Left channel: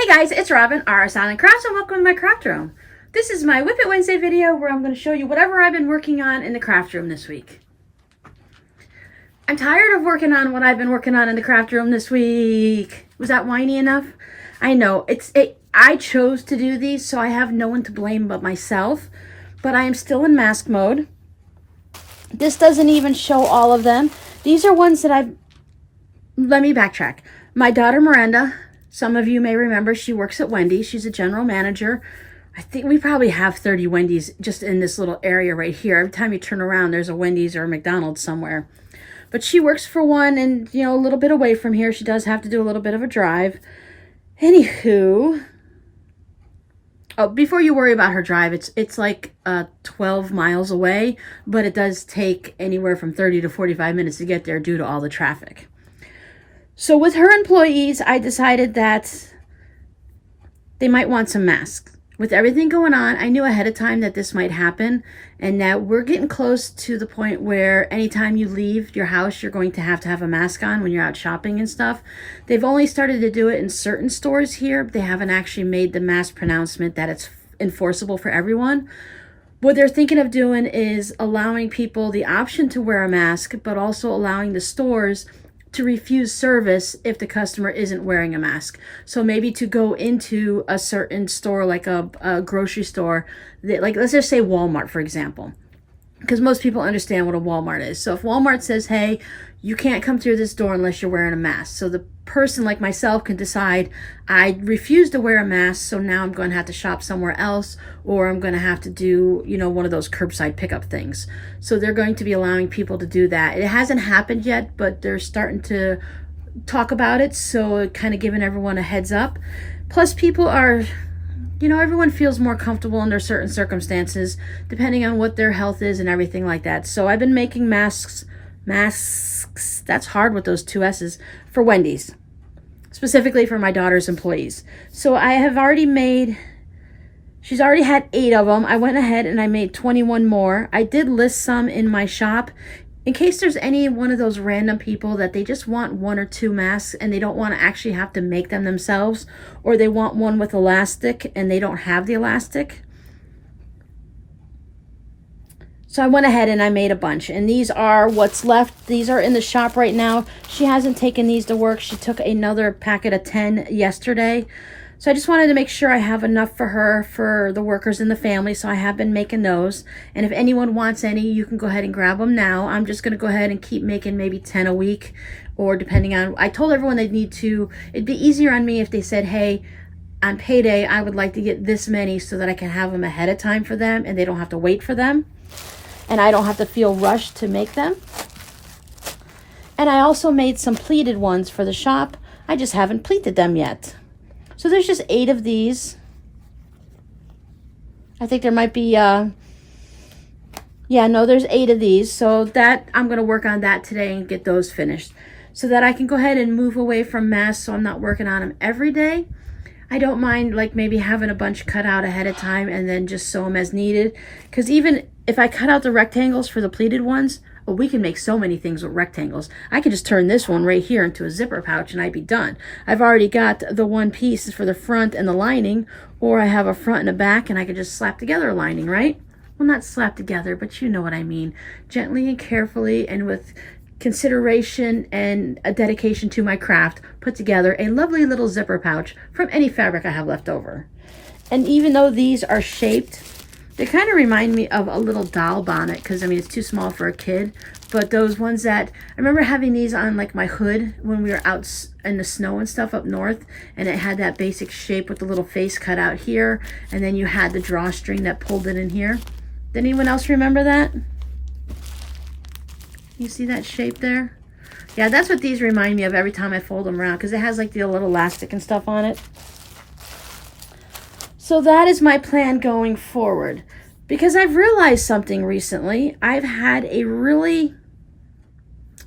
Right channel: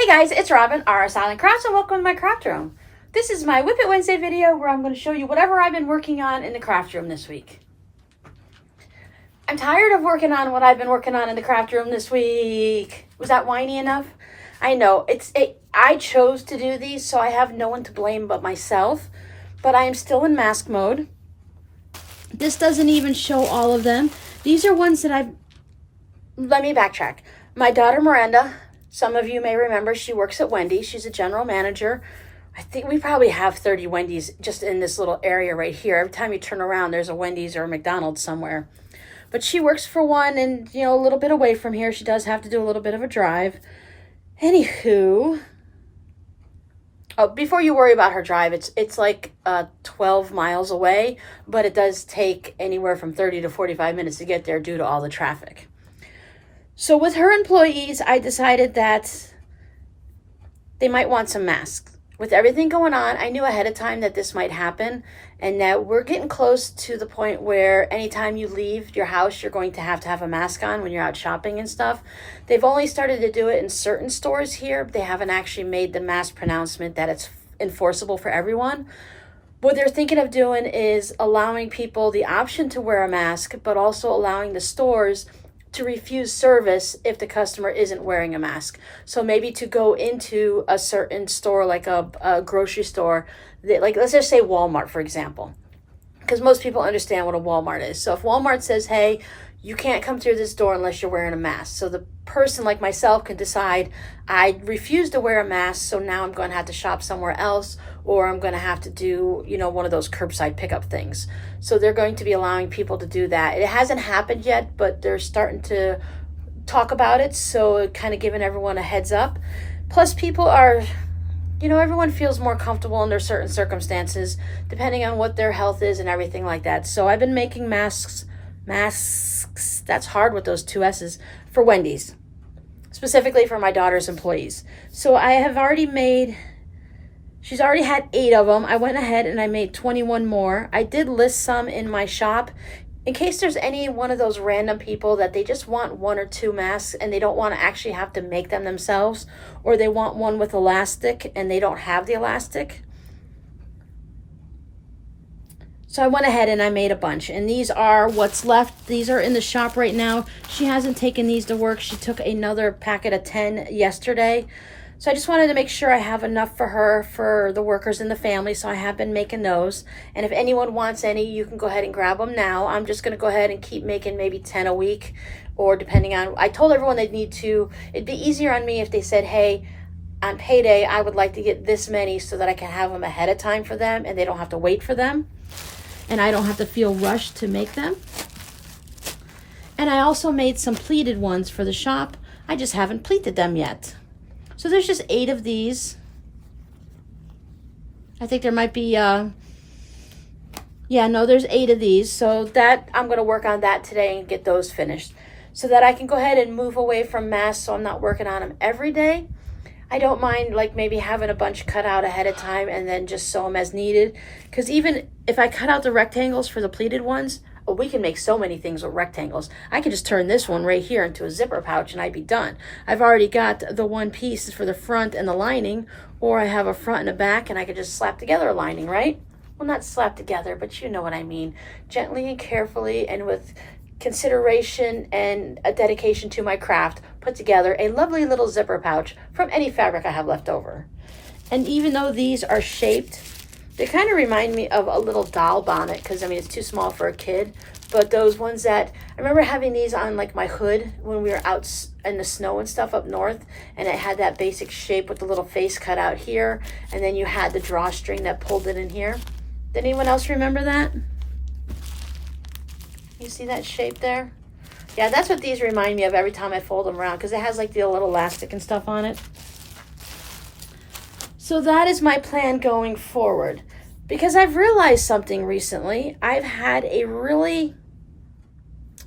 Hey guys, it's Robin, RsIslandCrafts, and welcome to my craft room. This is my WiP It Wednesday video where I'm going to show you whatever I've been working on in the craft room this week. I'm tired of working on what I've been working on in the craft room this week. Was that whiny enough? I know, I chose to do these, so I have no one to blame but myself, but I am still in mask mode. This doesn't even show all of them. These are ones that let me backtrack. My daughter Miranda, some of you may remember, she works at Wendy's. She's a general manager. I think we probably have 30 Wendy's just in this little area right here. Every time you turn around, there's a Wendy's or a McDonald's somewhere. But she works for one and, you know, a little bit away from here. She does have to do a little bit of a drive. Anywho, oh, before you worry about her drive, it's like 12 miles away, but it does take anywhere from 30 to 45 minutes to get there due to all the traffic. So with her employees, I decided that they might want some masks. With everything going on, I knew ahead of time that this might happen and that we're getting close to the point where anytime you leave your house, you're going to have a mask on when you're out shopping and stuff. They've only started to do it in certain stores here. They haven't actually made the mask pronouncement that it's enforceable for everyone. What they're thinking of doing is allowing people the option to wear a mask, but also allowing the stores to refuse service if the customer isn't wearing a mask. So maybe to go into a certain store, like a grocery store, like let's just say Walmart, for example, because most people understand what a Walmart is. So if Walmart says, hey, you can't come through this door unless you're wearing a mask. So the person like myself can decide, I refuse to wear a mask, so now I'm going to have to shop somewhere else, or I'm going to have to do, you know, one of those curbside pickup things. So they're going to be allowing people to do that. It hasn't happened yet, but they're starting to talk about it, so kind of giving everyone a heads up. Plus people are, you know, everyone feels more comfortable under certain circumstances, depending on what their health is and everything like that. So I've been making masks, that's hard with those two S's, for Wendy's, specifically for my daughter's employees. So I have already made, she's already had 8 of them. I went ahead and I made 21 more. I did list some in my shop in case there's any one of those random people that they just want 1 or 2 masks and they don't want to actually have to make them themselves, or they want one with elastic and they don't have the elastic. So I went ahead and I made a bunch, and these are what's left. These are in the shop right now. She hasn't taken these to work. She took another packet of 10 yesterday. So I just wanted to make sure I have enough for her, for the workers in the family, so I have been making those. And if anyone wants any, you can go ahead and grab them now. I'm just going to go ahead and keep making maybe 10 a week, or depending on, I told everyone they'd need to, it'd be easier on me if they said, hey, on payday, I would like to get this many so that I can have them ahead of time for them and they don't have to wait for them. And I don't have to feel rushed to make them. And I also made some pleated ones for the shop. I just haven't pleated them yet. So there's just 8 of these. I think there might be, yeah, no, there's 8 of these. So that, I'm gonna work on that today and get those finished so that I can go ahead and move away from masks so I'm not working on them every day. I don't mind like maybe having a bunch cut out ahead of time and then just sew them as needed. Because even if I cut out the rectangles for the pleated ones, oh, we can make so many things with rectangles. I could just turn this one right here into a zipper pouch and I'd be done. I've already got the one piece for the front and the lining, or I have a front and a back and I could just slap together a lining, right? Well, not slap together, but you know what I mean. Gently and carefully and with consideration and a dedication to my craft, put together a lovely little zipper pouch from any fabric I have left over. And even though these are shaped, they kind of remind me of a little doll bonnet, because I mean it's too small for a kid, but those ones that, I remember having these on like my hood when we were out in the snow and stuff up north, and it had that basic shape with the little face cut out here, and then you had the drawstring that pulled it in here. Did anyone else remember that? You see that shape there? Yeah, that's what these remind me of every time I fold them around, because it has like the little elastic and stuff on it. So that is my plan going forward. Because I've realized something recently. I've had a really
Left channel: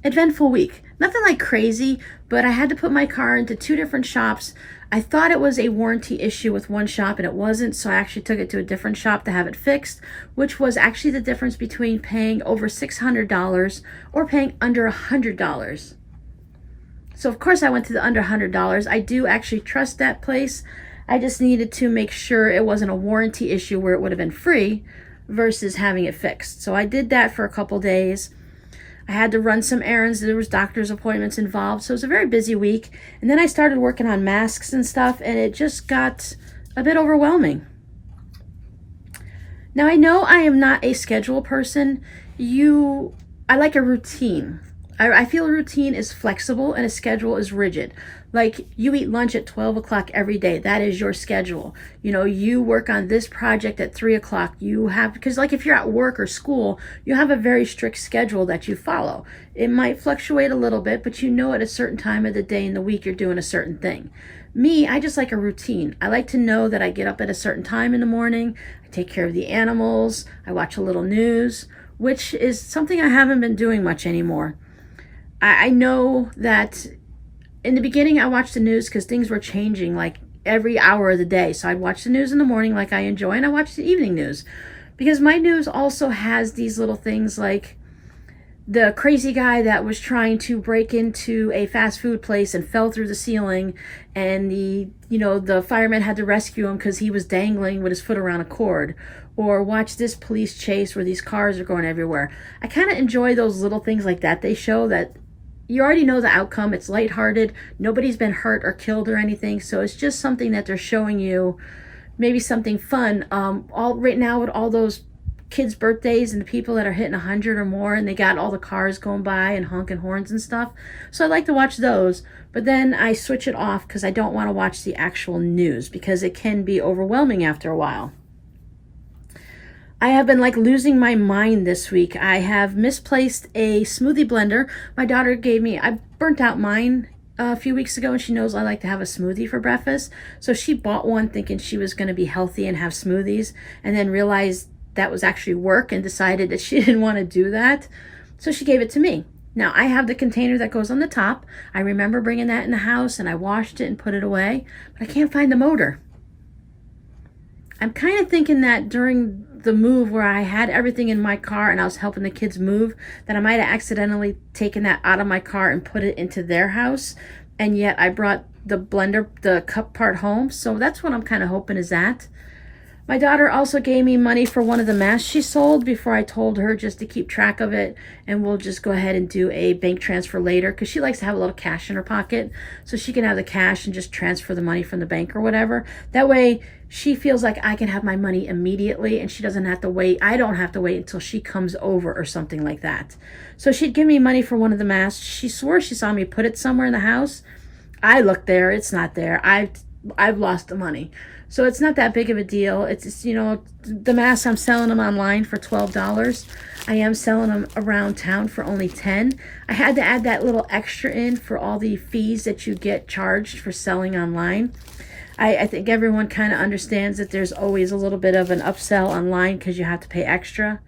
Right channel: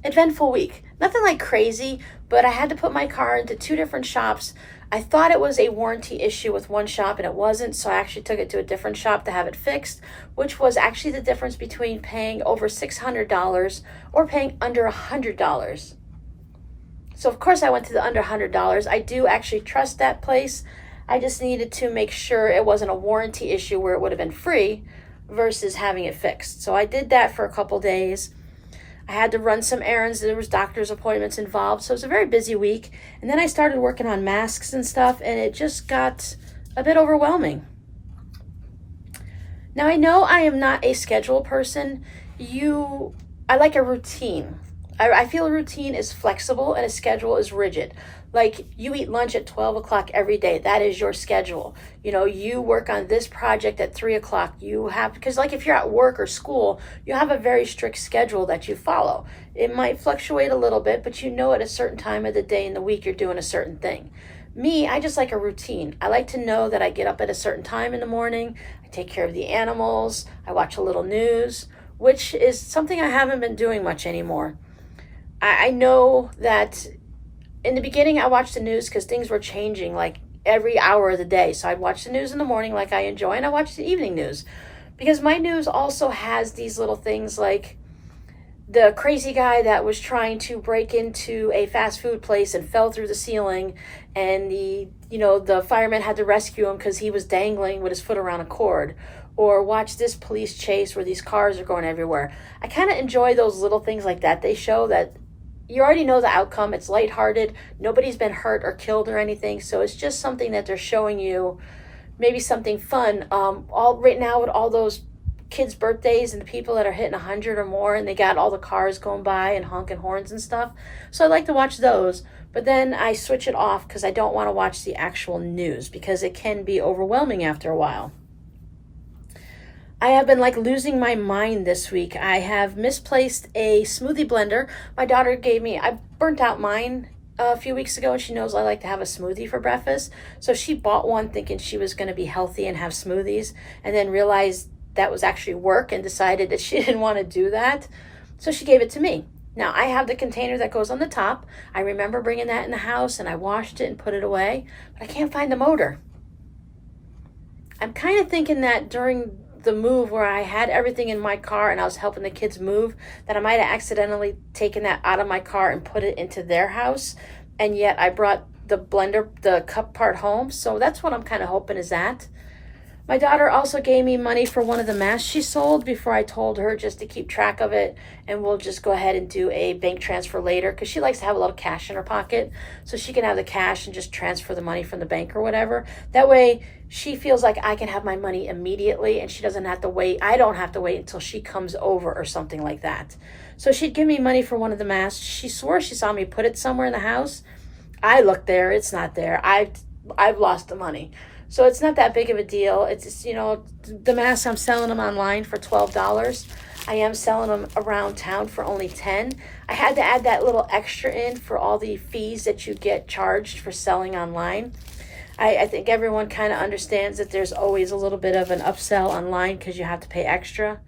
eventful week. Nothing like crazy, but I had to put my car into 2 different shops. I thought it was a warranty issue with one shop and it wasn't, so I actually took it to a different shop to have it fixed, which was actually the difference between paying over $600 or paying under $100. So of course I went to the under $100. I do actually trust that place. I just needed to make sure it wasn't a warranty issue where it would have been free versus having it fixed. So I did that for a couple days. I had to run some errands. There was doctor's appointments involved. So it was a very busy week. And then I started working on masks and stuff, and it just got a bit overwhelming. Now I know I am not a schedule person. I like a routine. I feel a routine is flexible and a schedule is rigid. Like you eat lunch at 12 o'clock every day. That is your schedule. You know, you work on this project at 3 o'clock. Because like if you're at work or school, you have a very strict schedule that you follow. It might fluctuate a little bit, but you know at a certain time of the day and the week you're doing a certain thing. Me, I just like a routine. I like to know that I get up at a certain time in the morning. I take care of the animals. I watch a little news, which is something I haven't been doing much anymore. I know that in the beginning I watched the news because things were changing like every hour of the day. So I'd watch the news in the morning like I enjoy, and I watch the evening news because my news also has these little things like the crazy guy that was trying to break into a fast food place and fell through the ceiling, and the fireman had to rescue him because he was dangling with his foot around a cord. Or watch this police chase where these cars are going everywhere. I kind of enjoy those little things like that. They show that you already know the outcome. It's lighthearted. Nobody's been hurt or killed or anything. So it's just something that they're showing you, maybe something fun. Right now with all those kids' birthdays and the people that are hitting 100 or more, and they got all the cars going by and honking horns and stuff. So I like to watch those, but then I switch it off because I don't want to watch the actual news because it can be overwhelming after a while. I have been like losing my mind this week. I have misplaced a smoothie blender. My daughter gave me, I burnt out mine a few weeks ago, and she knows I like to have a smoothie for breakfast. So she bought one thinking she was going to be healthy and have smoothies, and then realized that was actually work and decided that she didn't want to do that. So she gave it to me. Now I have the container that goes on the top. I remember bringing that in the house and I washed it and put it away, but I can't find the motor. I'm kind of thinking that during the move where I had everything in my car and I was helping the kids move, that I might have accidentally taken that out of my car and put it into their house, and yet I brought the blender, the cup part home. So that's what I'm kind of hoping is that. My daughter also gave me money for one of the masks she sold before I told her just to keep track of it, and we'll just go ahead and do a bank transfer later because she likes to have a little cash in her pocket so she can have the cash and just transfer the money from the bank or whatever. That way she feels like I can have my money immediately and she doesn't have to wait. I don't have to wait until she comes over or something like that. So she'd give me money for one of the masks. She swore she saw me put it somewhere in the house. I looked there, it's not there. I've lost the money. So it's not that big of a deal. It's just, the masks, I'm selling them online for $12. I am selling them around town for only $10. I had to add that little extra in for all the fees that you get charged for selling online. I think everyone kind of understands that there's always a little bit of an upsell online because you have to pay extra.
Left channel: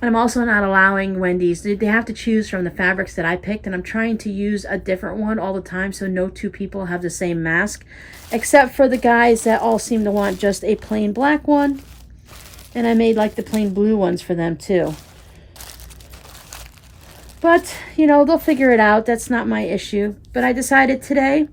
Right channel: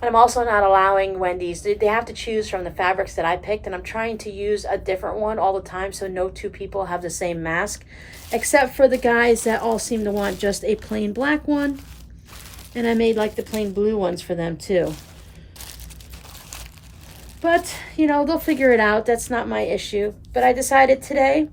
And I'm also not allowing Wendy's. They have to choose from the fabrics that I picked, and I'm trying to use a different one all the time so no two people have the same mask, except for the guys that all seem to want just a plain black one. And I made like the plain blue ones for them too. But, they'll figure it out. That's not my issue. But I decided today,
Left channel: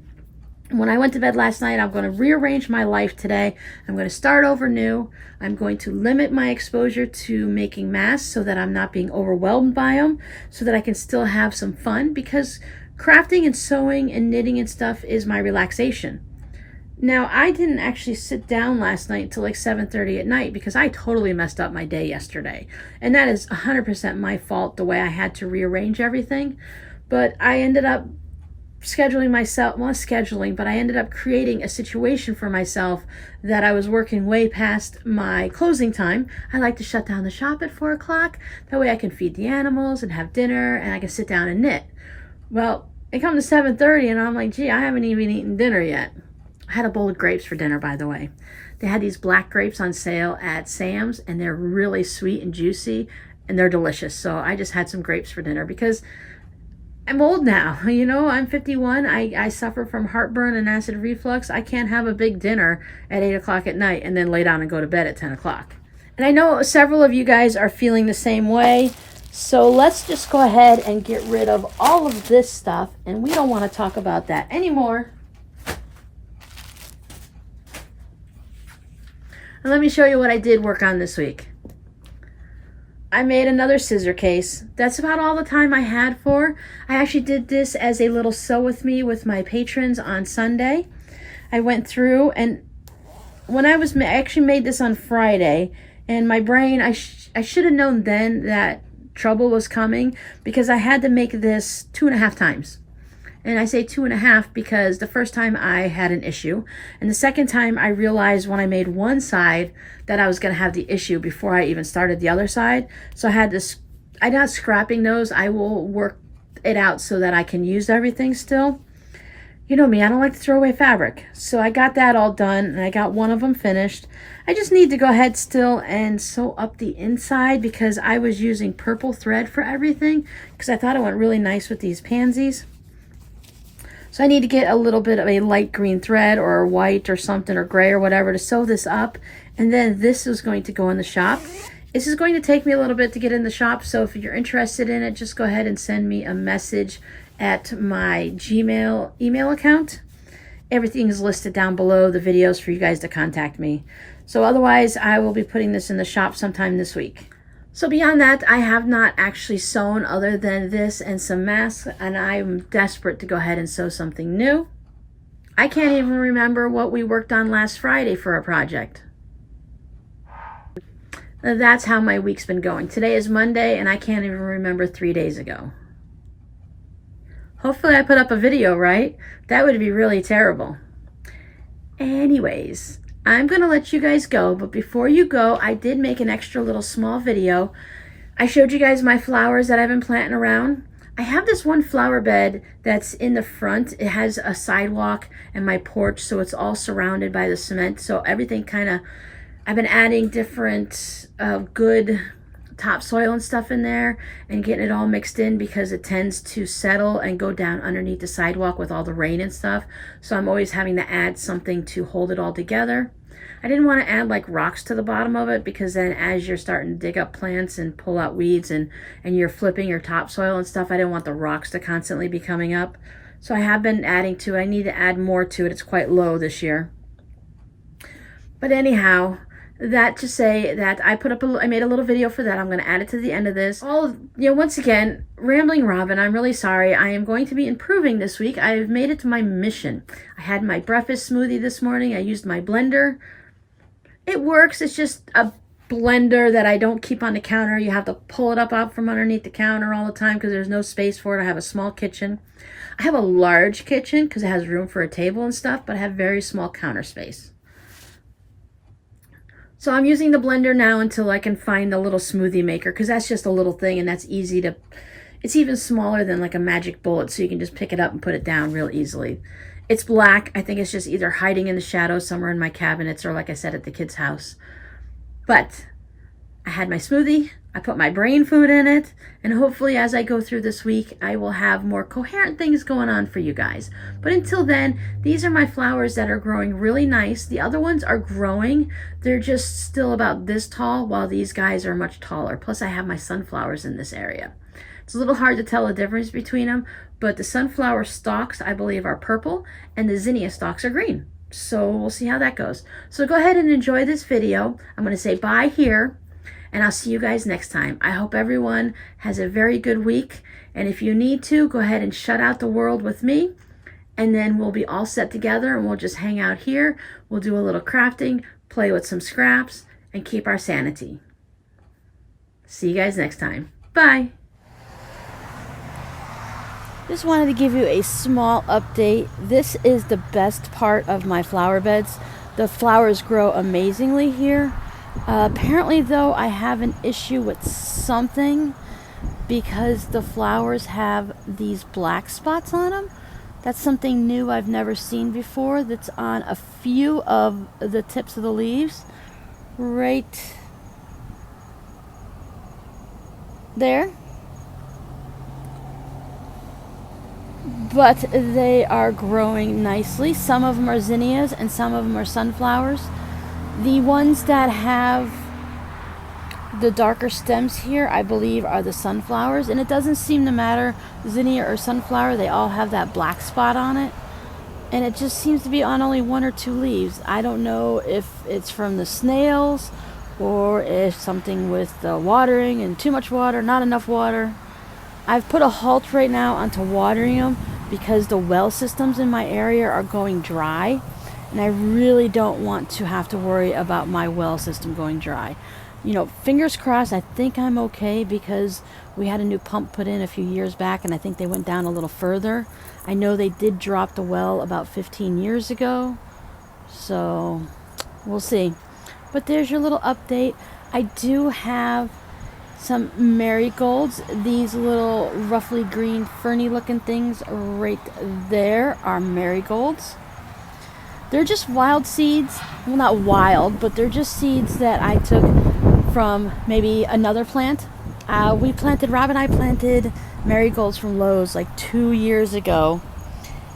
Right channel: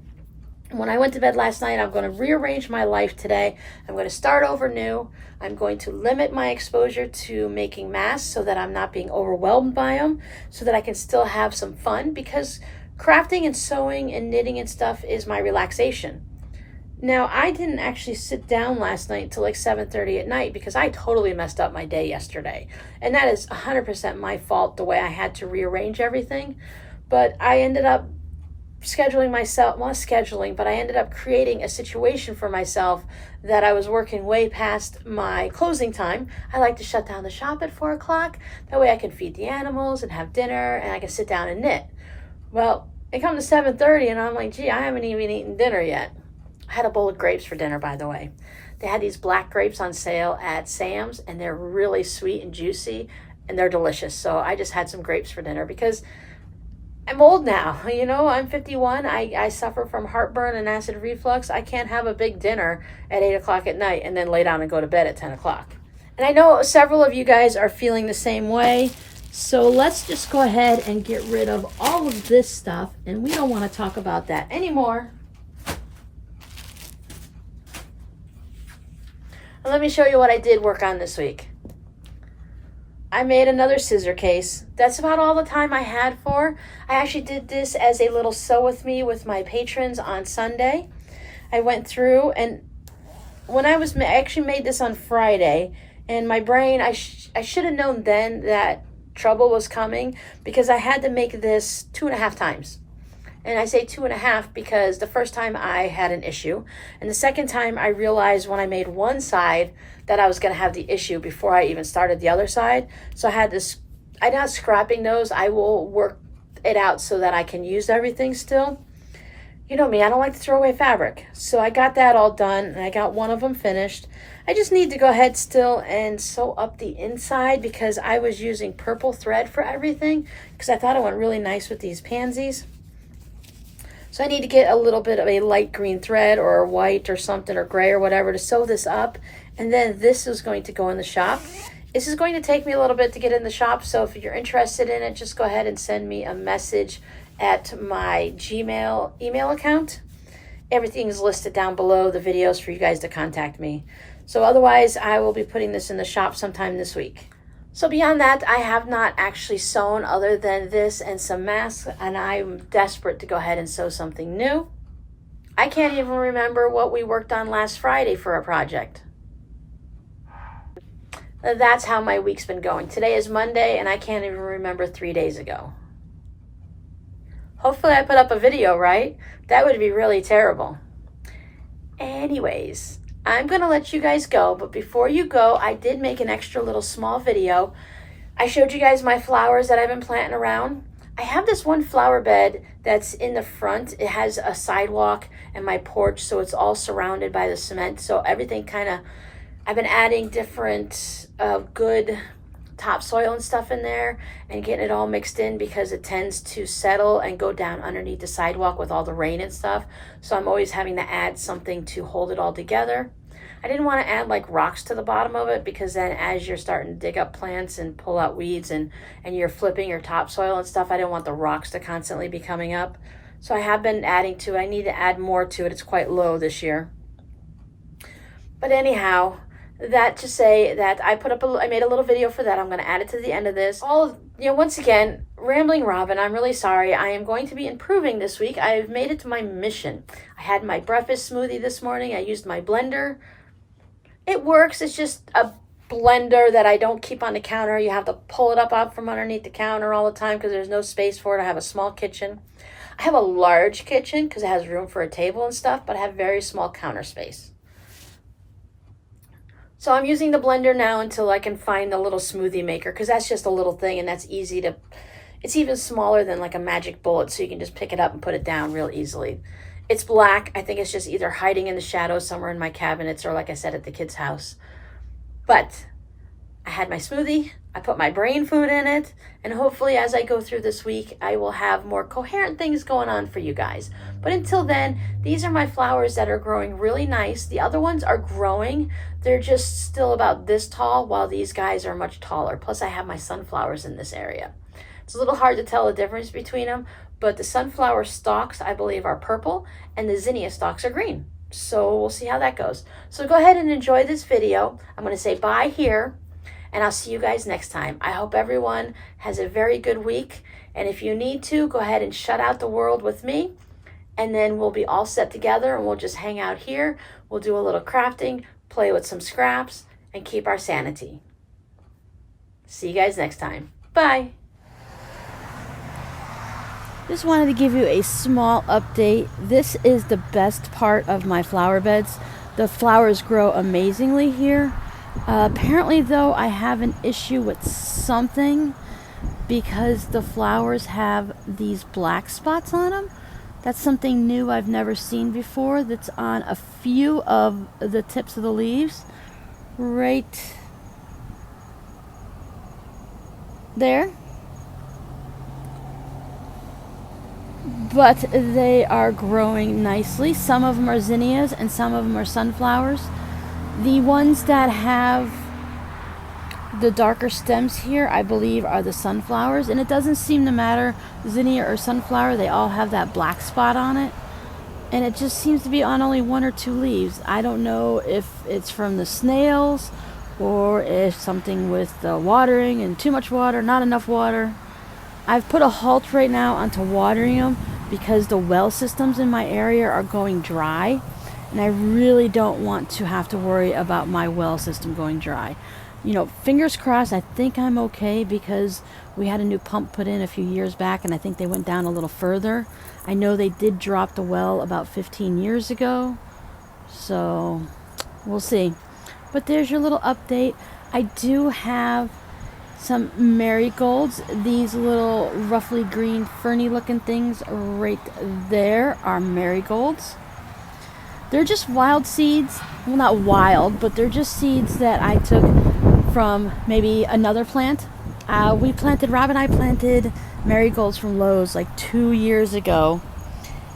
when I went to bed last night, I'm going to rearrange my life today. I'm going to start over new. I'm going to limit my exposure to making masks so that I'm not being overwhelmed by them, so that I can still have some fun, because crafting and sewing and knitting and stuff is my relaxation. Now, I didn't actually sit down last night until like 7:30 at night because I totally messed up my day yesterday. And that is 100% my fault, the way I had to rearrange everything. But I ended up scheduling myself, not scheduling, but I ended up creating a situation for myself that I was working way past my closing time. I like to shut down the shop at 4 o'clock. That way I can feed the animals and have dinner and I can sit down and knit. Well, it comes to 7:30 and I'm like, gee, I haven't even eaten dinner yet. I had a bowl of grapes for dinner, by the way. They had these black grapes on sale at Sam's and they're really sweet and juicy and they're delicious. So I just had some grapes for dinner because I'm old now, I'm 51. I suffer from heartburn and acid reflux. I can't have a big dinner at 8 o'clock at night and then lay down and go to bed at 10 o'clock. And I know several of you guys are feeling the same way. So let's just go ahead and get rid of all of this stuff, and we don't want to talk about that anymore. And let me show you what I did work on this week. I made another scissor case. That's about all the time I had for. I actually did this as a little sew with me with my patrons on Sunday. I went through, and when I actually made this on Friday, and my brain, I should have known then that trouble was coming, because I had to make this 2.5 times. And I say 2.5 because the first time I had an issue, and the second time I realized when I made one side that I was going to have the issue before I even started the other side. So I had this, I'm not scrapping those. I will work it out so that I can use everything still. You know me, I don't like to throw away fabric. So I got that all done, and I got one of them finished. I just need to go ahead still and sew up the inside, because I was using purple thread for everything because I thought it went really nice with these pansies. So I need to get a little bit of a light green thread or white or something, or gray or whatever, to sew this up. And then this is going to go in the shop. This is going to take me a little bit to get in the shop, so if you're interested in it, just go ahead and send me a message at my Gmail email account. Everything is listed down below, the videos for you guys to contact me. So otherwise, I will be putting this in the shop sometime this week. So beyond that, I have not actually sewn other than this and some masks, and I'm desperate to go ahead and sew something new. I can't even remember what we worked on last Friday for a project. That's how my week's been going. Today is Monday, and I can't even remember 3 days ago. Hopefully I put up a video, right? That would be really terrible. Anyways, I'm gonna let you guys go, but before you go, I did make an extra little small video. I showed you guys my flowers that I've been planting around. I have this one flower bed that's in the front. It has a sidewalk and my porch, so it's all surrounded by the cement. So everything kind of, I've been adding different good topsoil and stuff in there and getting it all mixed in, because it tends to settle and go down underneath the sidewalk with all the rain and stuff. So I'm always having to add something to hold it all together. I didn't want to add like rocks to the bottom of it, because then as you're starting to dig up plants and pull out weeds and you're flipping your topsoil and stuff, I didn't want the rocks to constantly be coming up. So I have been adding to it. I need to add more to it. It's quite low this year. But anyhow, that to say that I made a little video for that. I'm going to add it to the end of this. Once again, Rambling Robin, I'm really sorry. I am going to be improving this week. I've made it to my mission. I had my breakfast smoothie this morning. I used my blender. It works. It's just a blender that I don't keep on the counter. You have to pull it up out from underneath the counter all the time because there's no space for it. I have a small kitchen. I have a large kitchen because it has room for a table and stuff, but I have very small counter space. So I'm using the blender now until I can find the little smoothie maker, because that's just a little thing and that's easy to, it's even smaller than like a magic bullet, so you can just pick it up and put it down real easily. It's black. I think it's just either hiding in the shadows somewhere in my cabinets or, like I said, at the kids' house. But I had my smoothie, I put my brain food in it, and hopefully as I go through this week, I will have more coherent things going on for you guys. But until then, these are my flowers that are growing really nice. The other ones are growing. They're just still about this tall, while these guys are much taller. Plus I have my sunflowers in this area. It's a little hard to tell the difference between them, but the sunflower stalks, I believe, are purple, and the zinnia stalks are green. So we'll see how that goes. So go ahead and enjoy this video. I'm going to say bye here, and I'll see you guys next time. I hope everyone has a very good week, and if you need to, go ahead and shut out the world with me, and then we'll be all set together, and we'll just hang out here. We'll do a little crafting, play with some scraps, and keep our sanity. See you guys next time. Bye. Just wanted to give you a small update. This is the best part of my flower beds. The flowers grow amazingly here. Apparently though, I have an issue with something, because the flowers have these black spots on them. That's something new I've never seen before. That's on a few of the tips of the leaves. Right there. But they are growing nicely. Some of them are zinnias and some of them are sunflowers. The ones that have The darker stems here, I believe, are the sunflowers, and it doesn't seem to matter, zinnia or sunflower, they all have that black spot on it, and it just seems to be on only 1 or 2 leaves. I don't know if it's from the snails, or if something with the watering and too much water, not enough water. I've put a halt right now onto watering them because the well systems in my area are going dry, and I really don't want to have to worry about my well system going dry. You know, fingers crossed, I think I'm okay because we had a new pump put in a few years back, and I think they went down a little further. I know they did drop the well about 15 years ago, so we'll see. But there's your little update. I do have some marigolds. These little roughly green ferny looking things right there are marigolds. They're just wild seeds. Well, not wild, but they're just seeds that I took from maybe another plant. Rob and I planted marigolds from Lowe's like 2 years ago,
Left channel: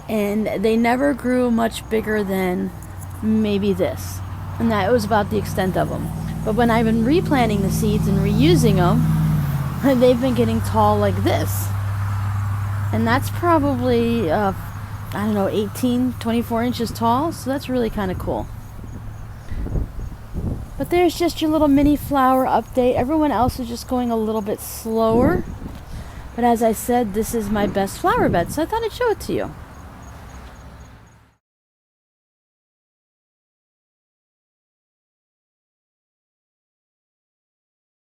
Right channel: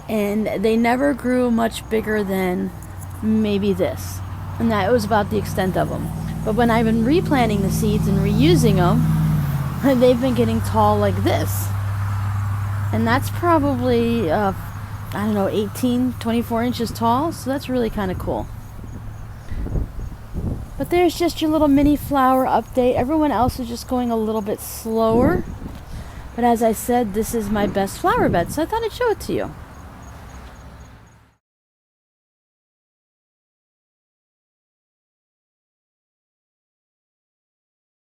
and they never grew much bigger than maybe this, and that was about the extent of them. But when I've been replanting the seeds and reusing them, they've been getting tall like this, and that's probably I don't know, 18, 24 inches tall, so that's really kind of cool. But there's just your little mini flower update. Everyone else is just going a little bit slower. But as I said, this is my best flower bed, so I thought I'd show it to you.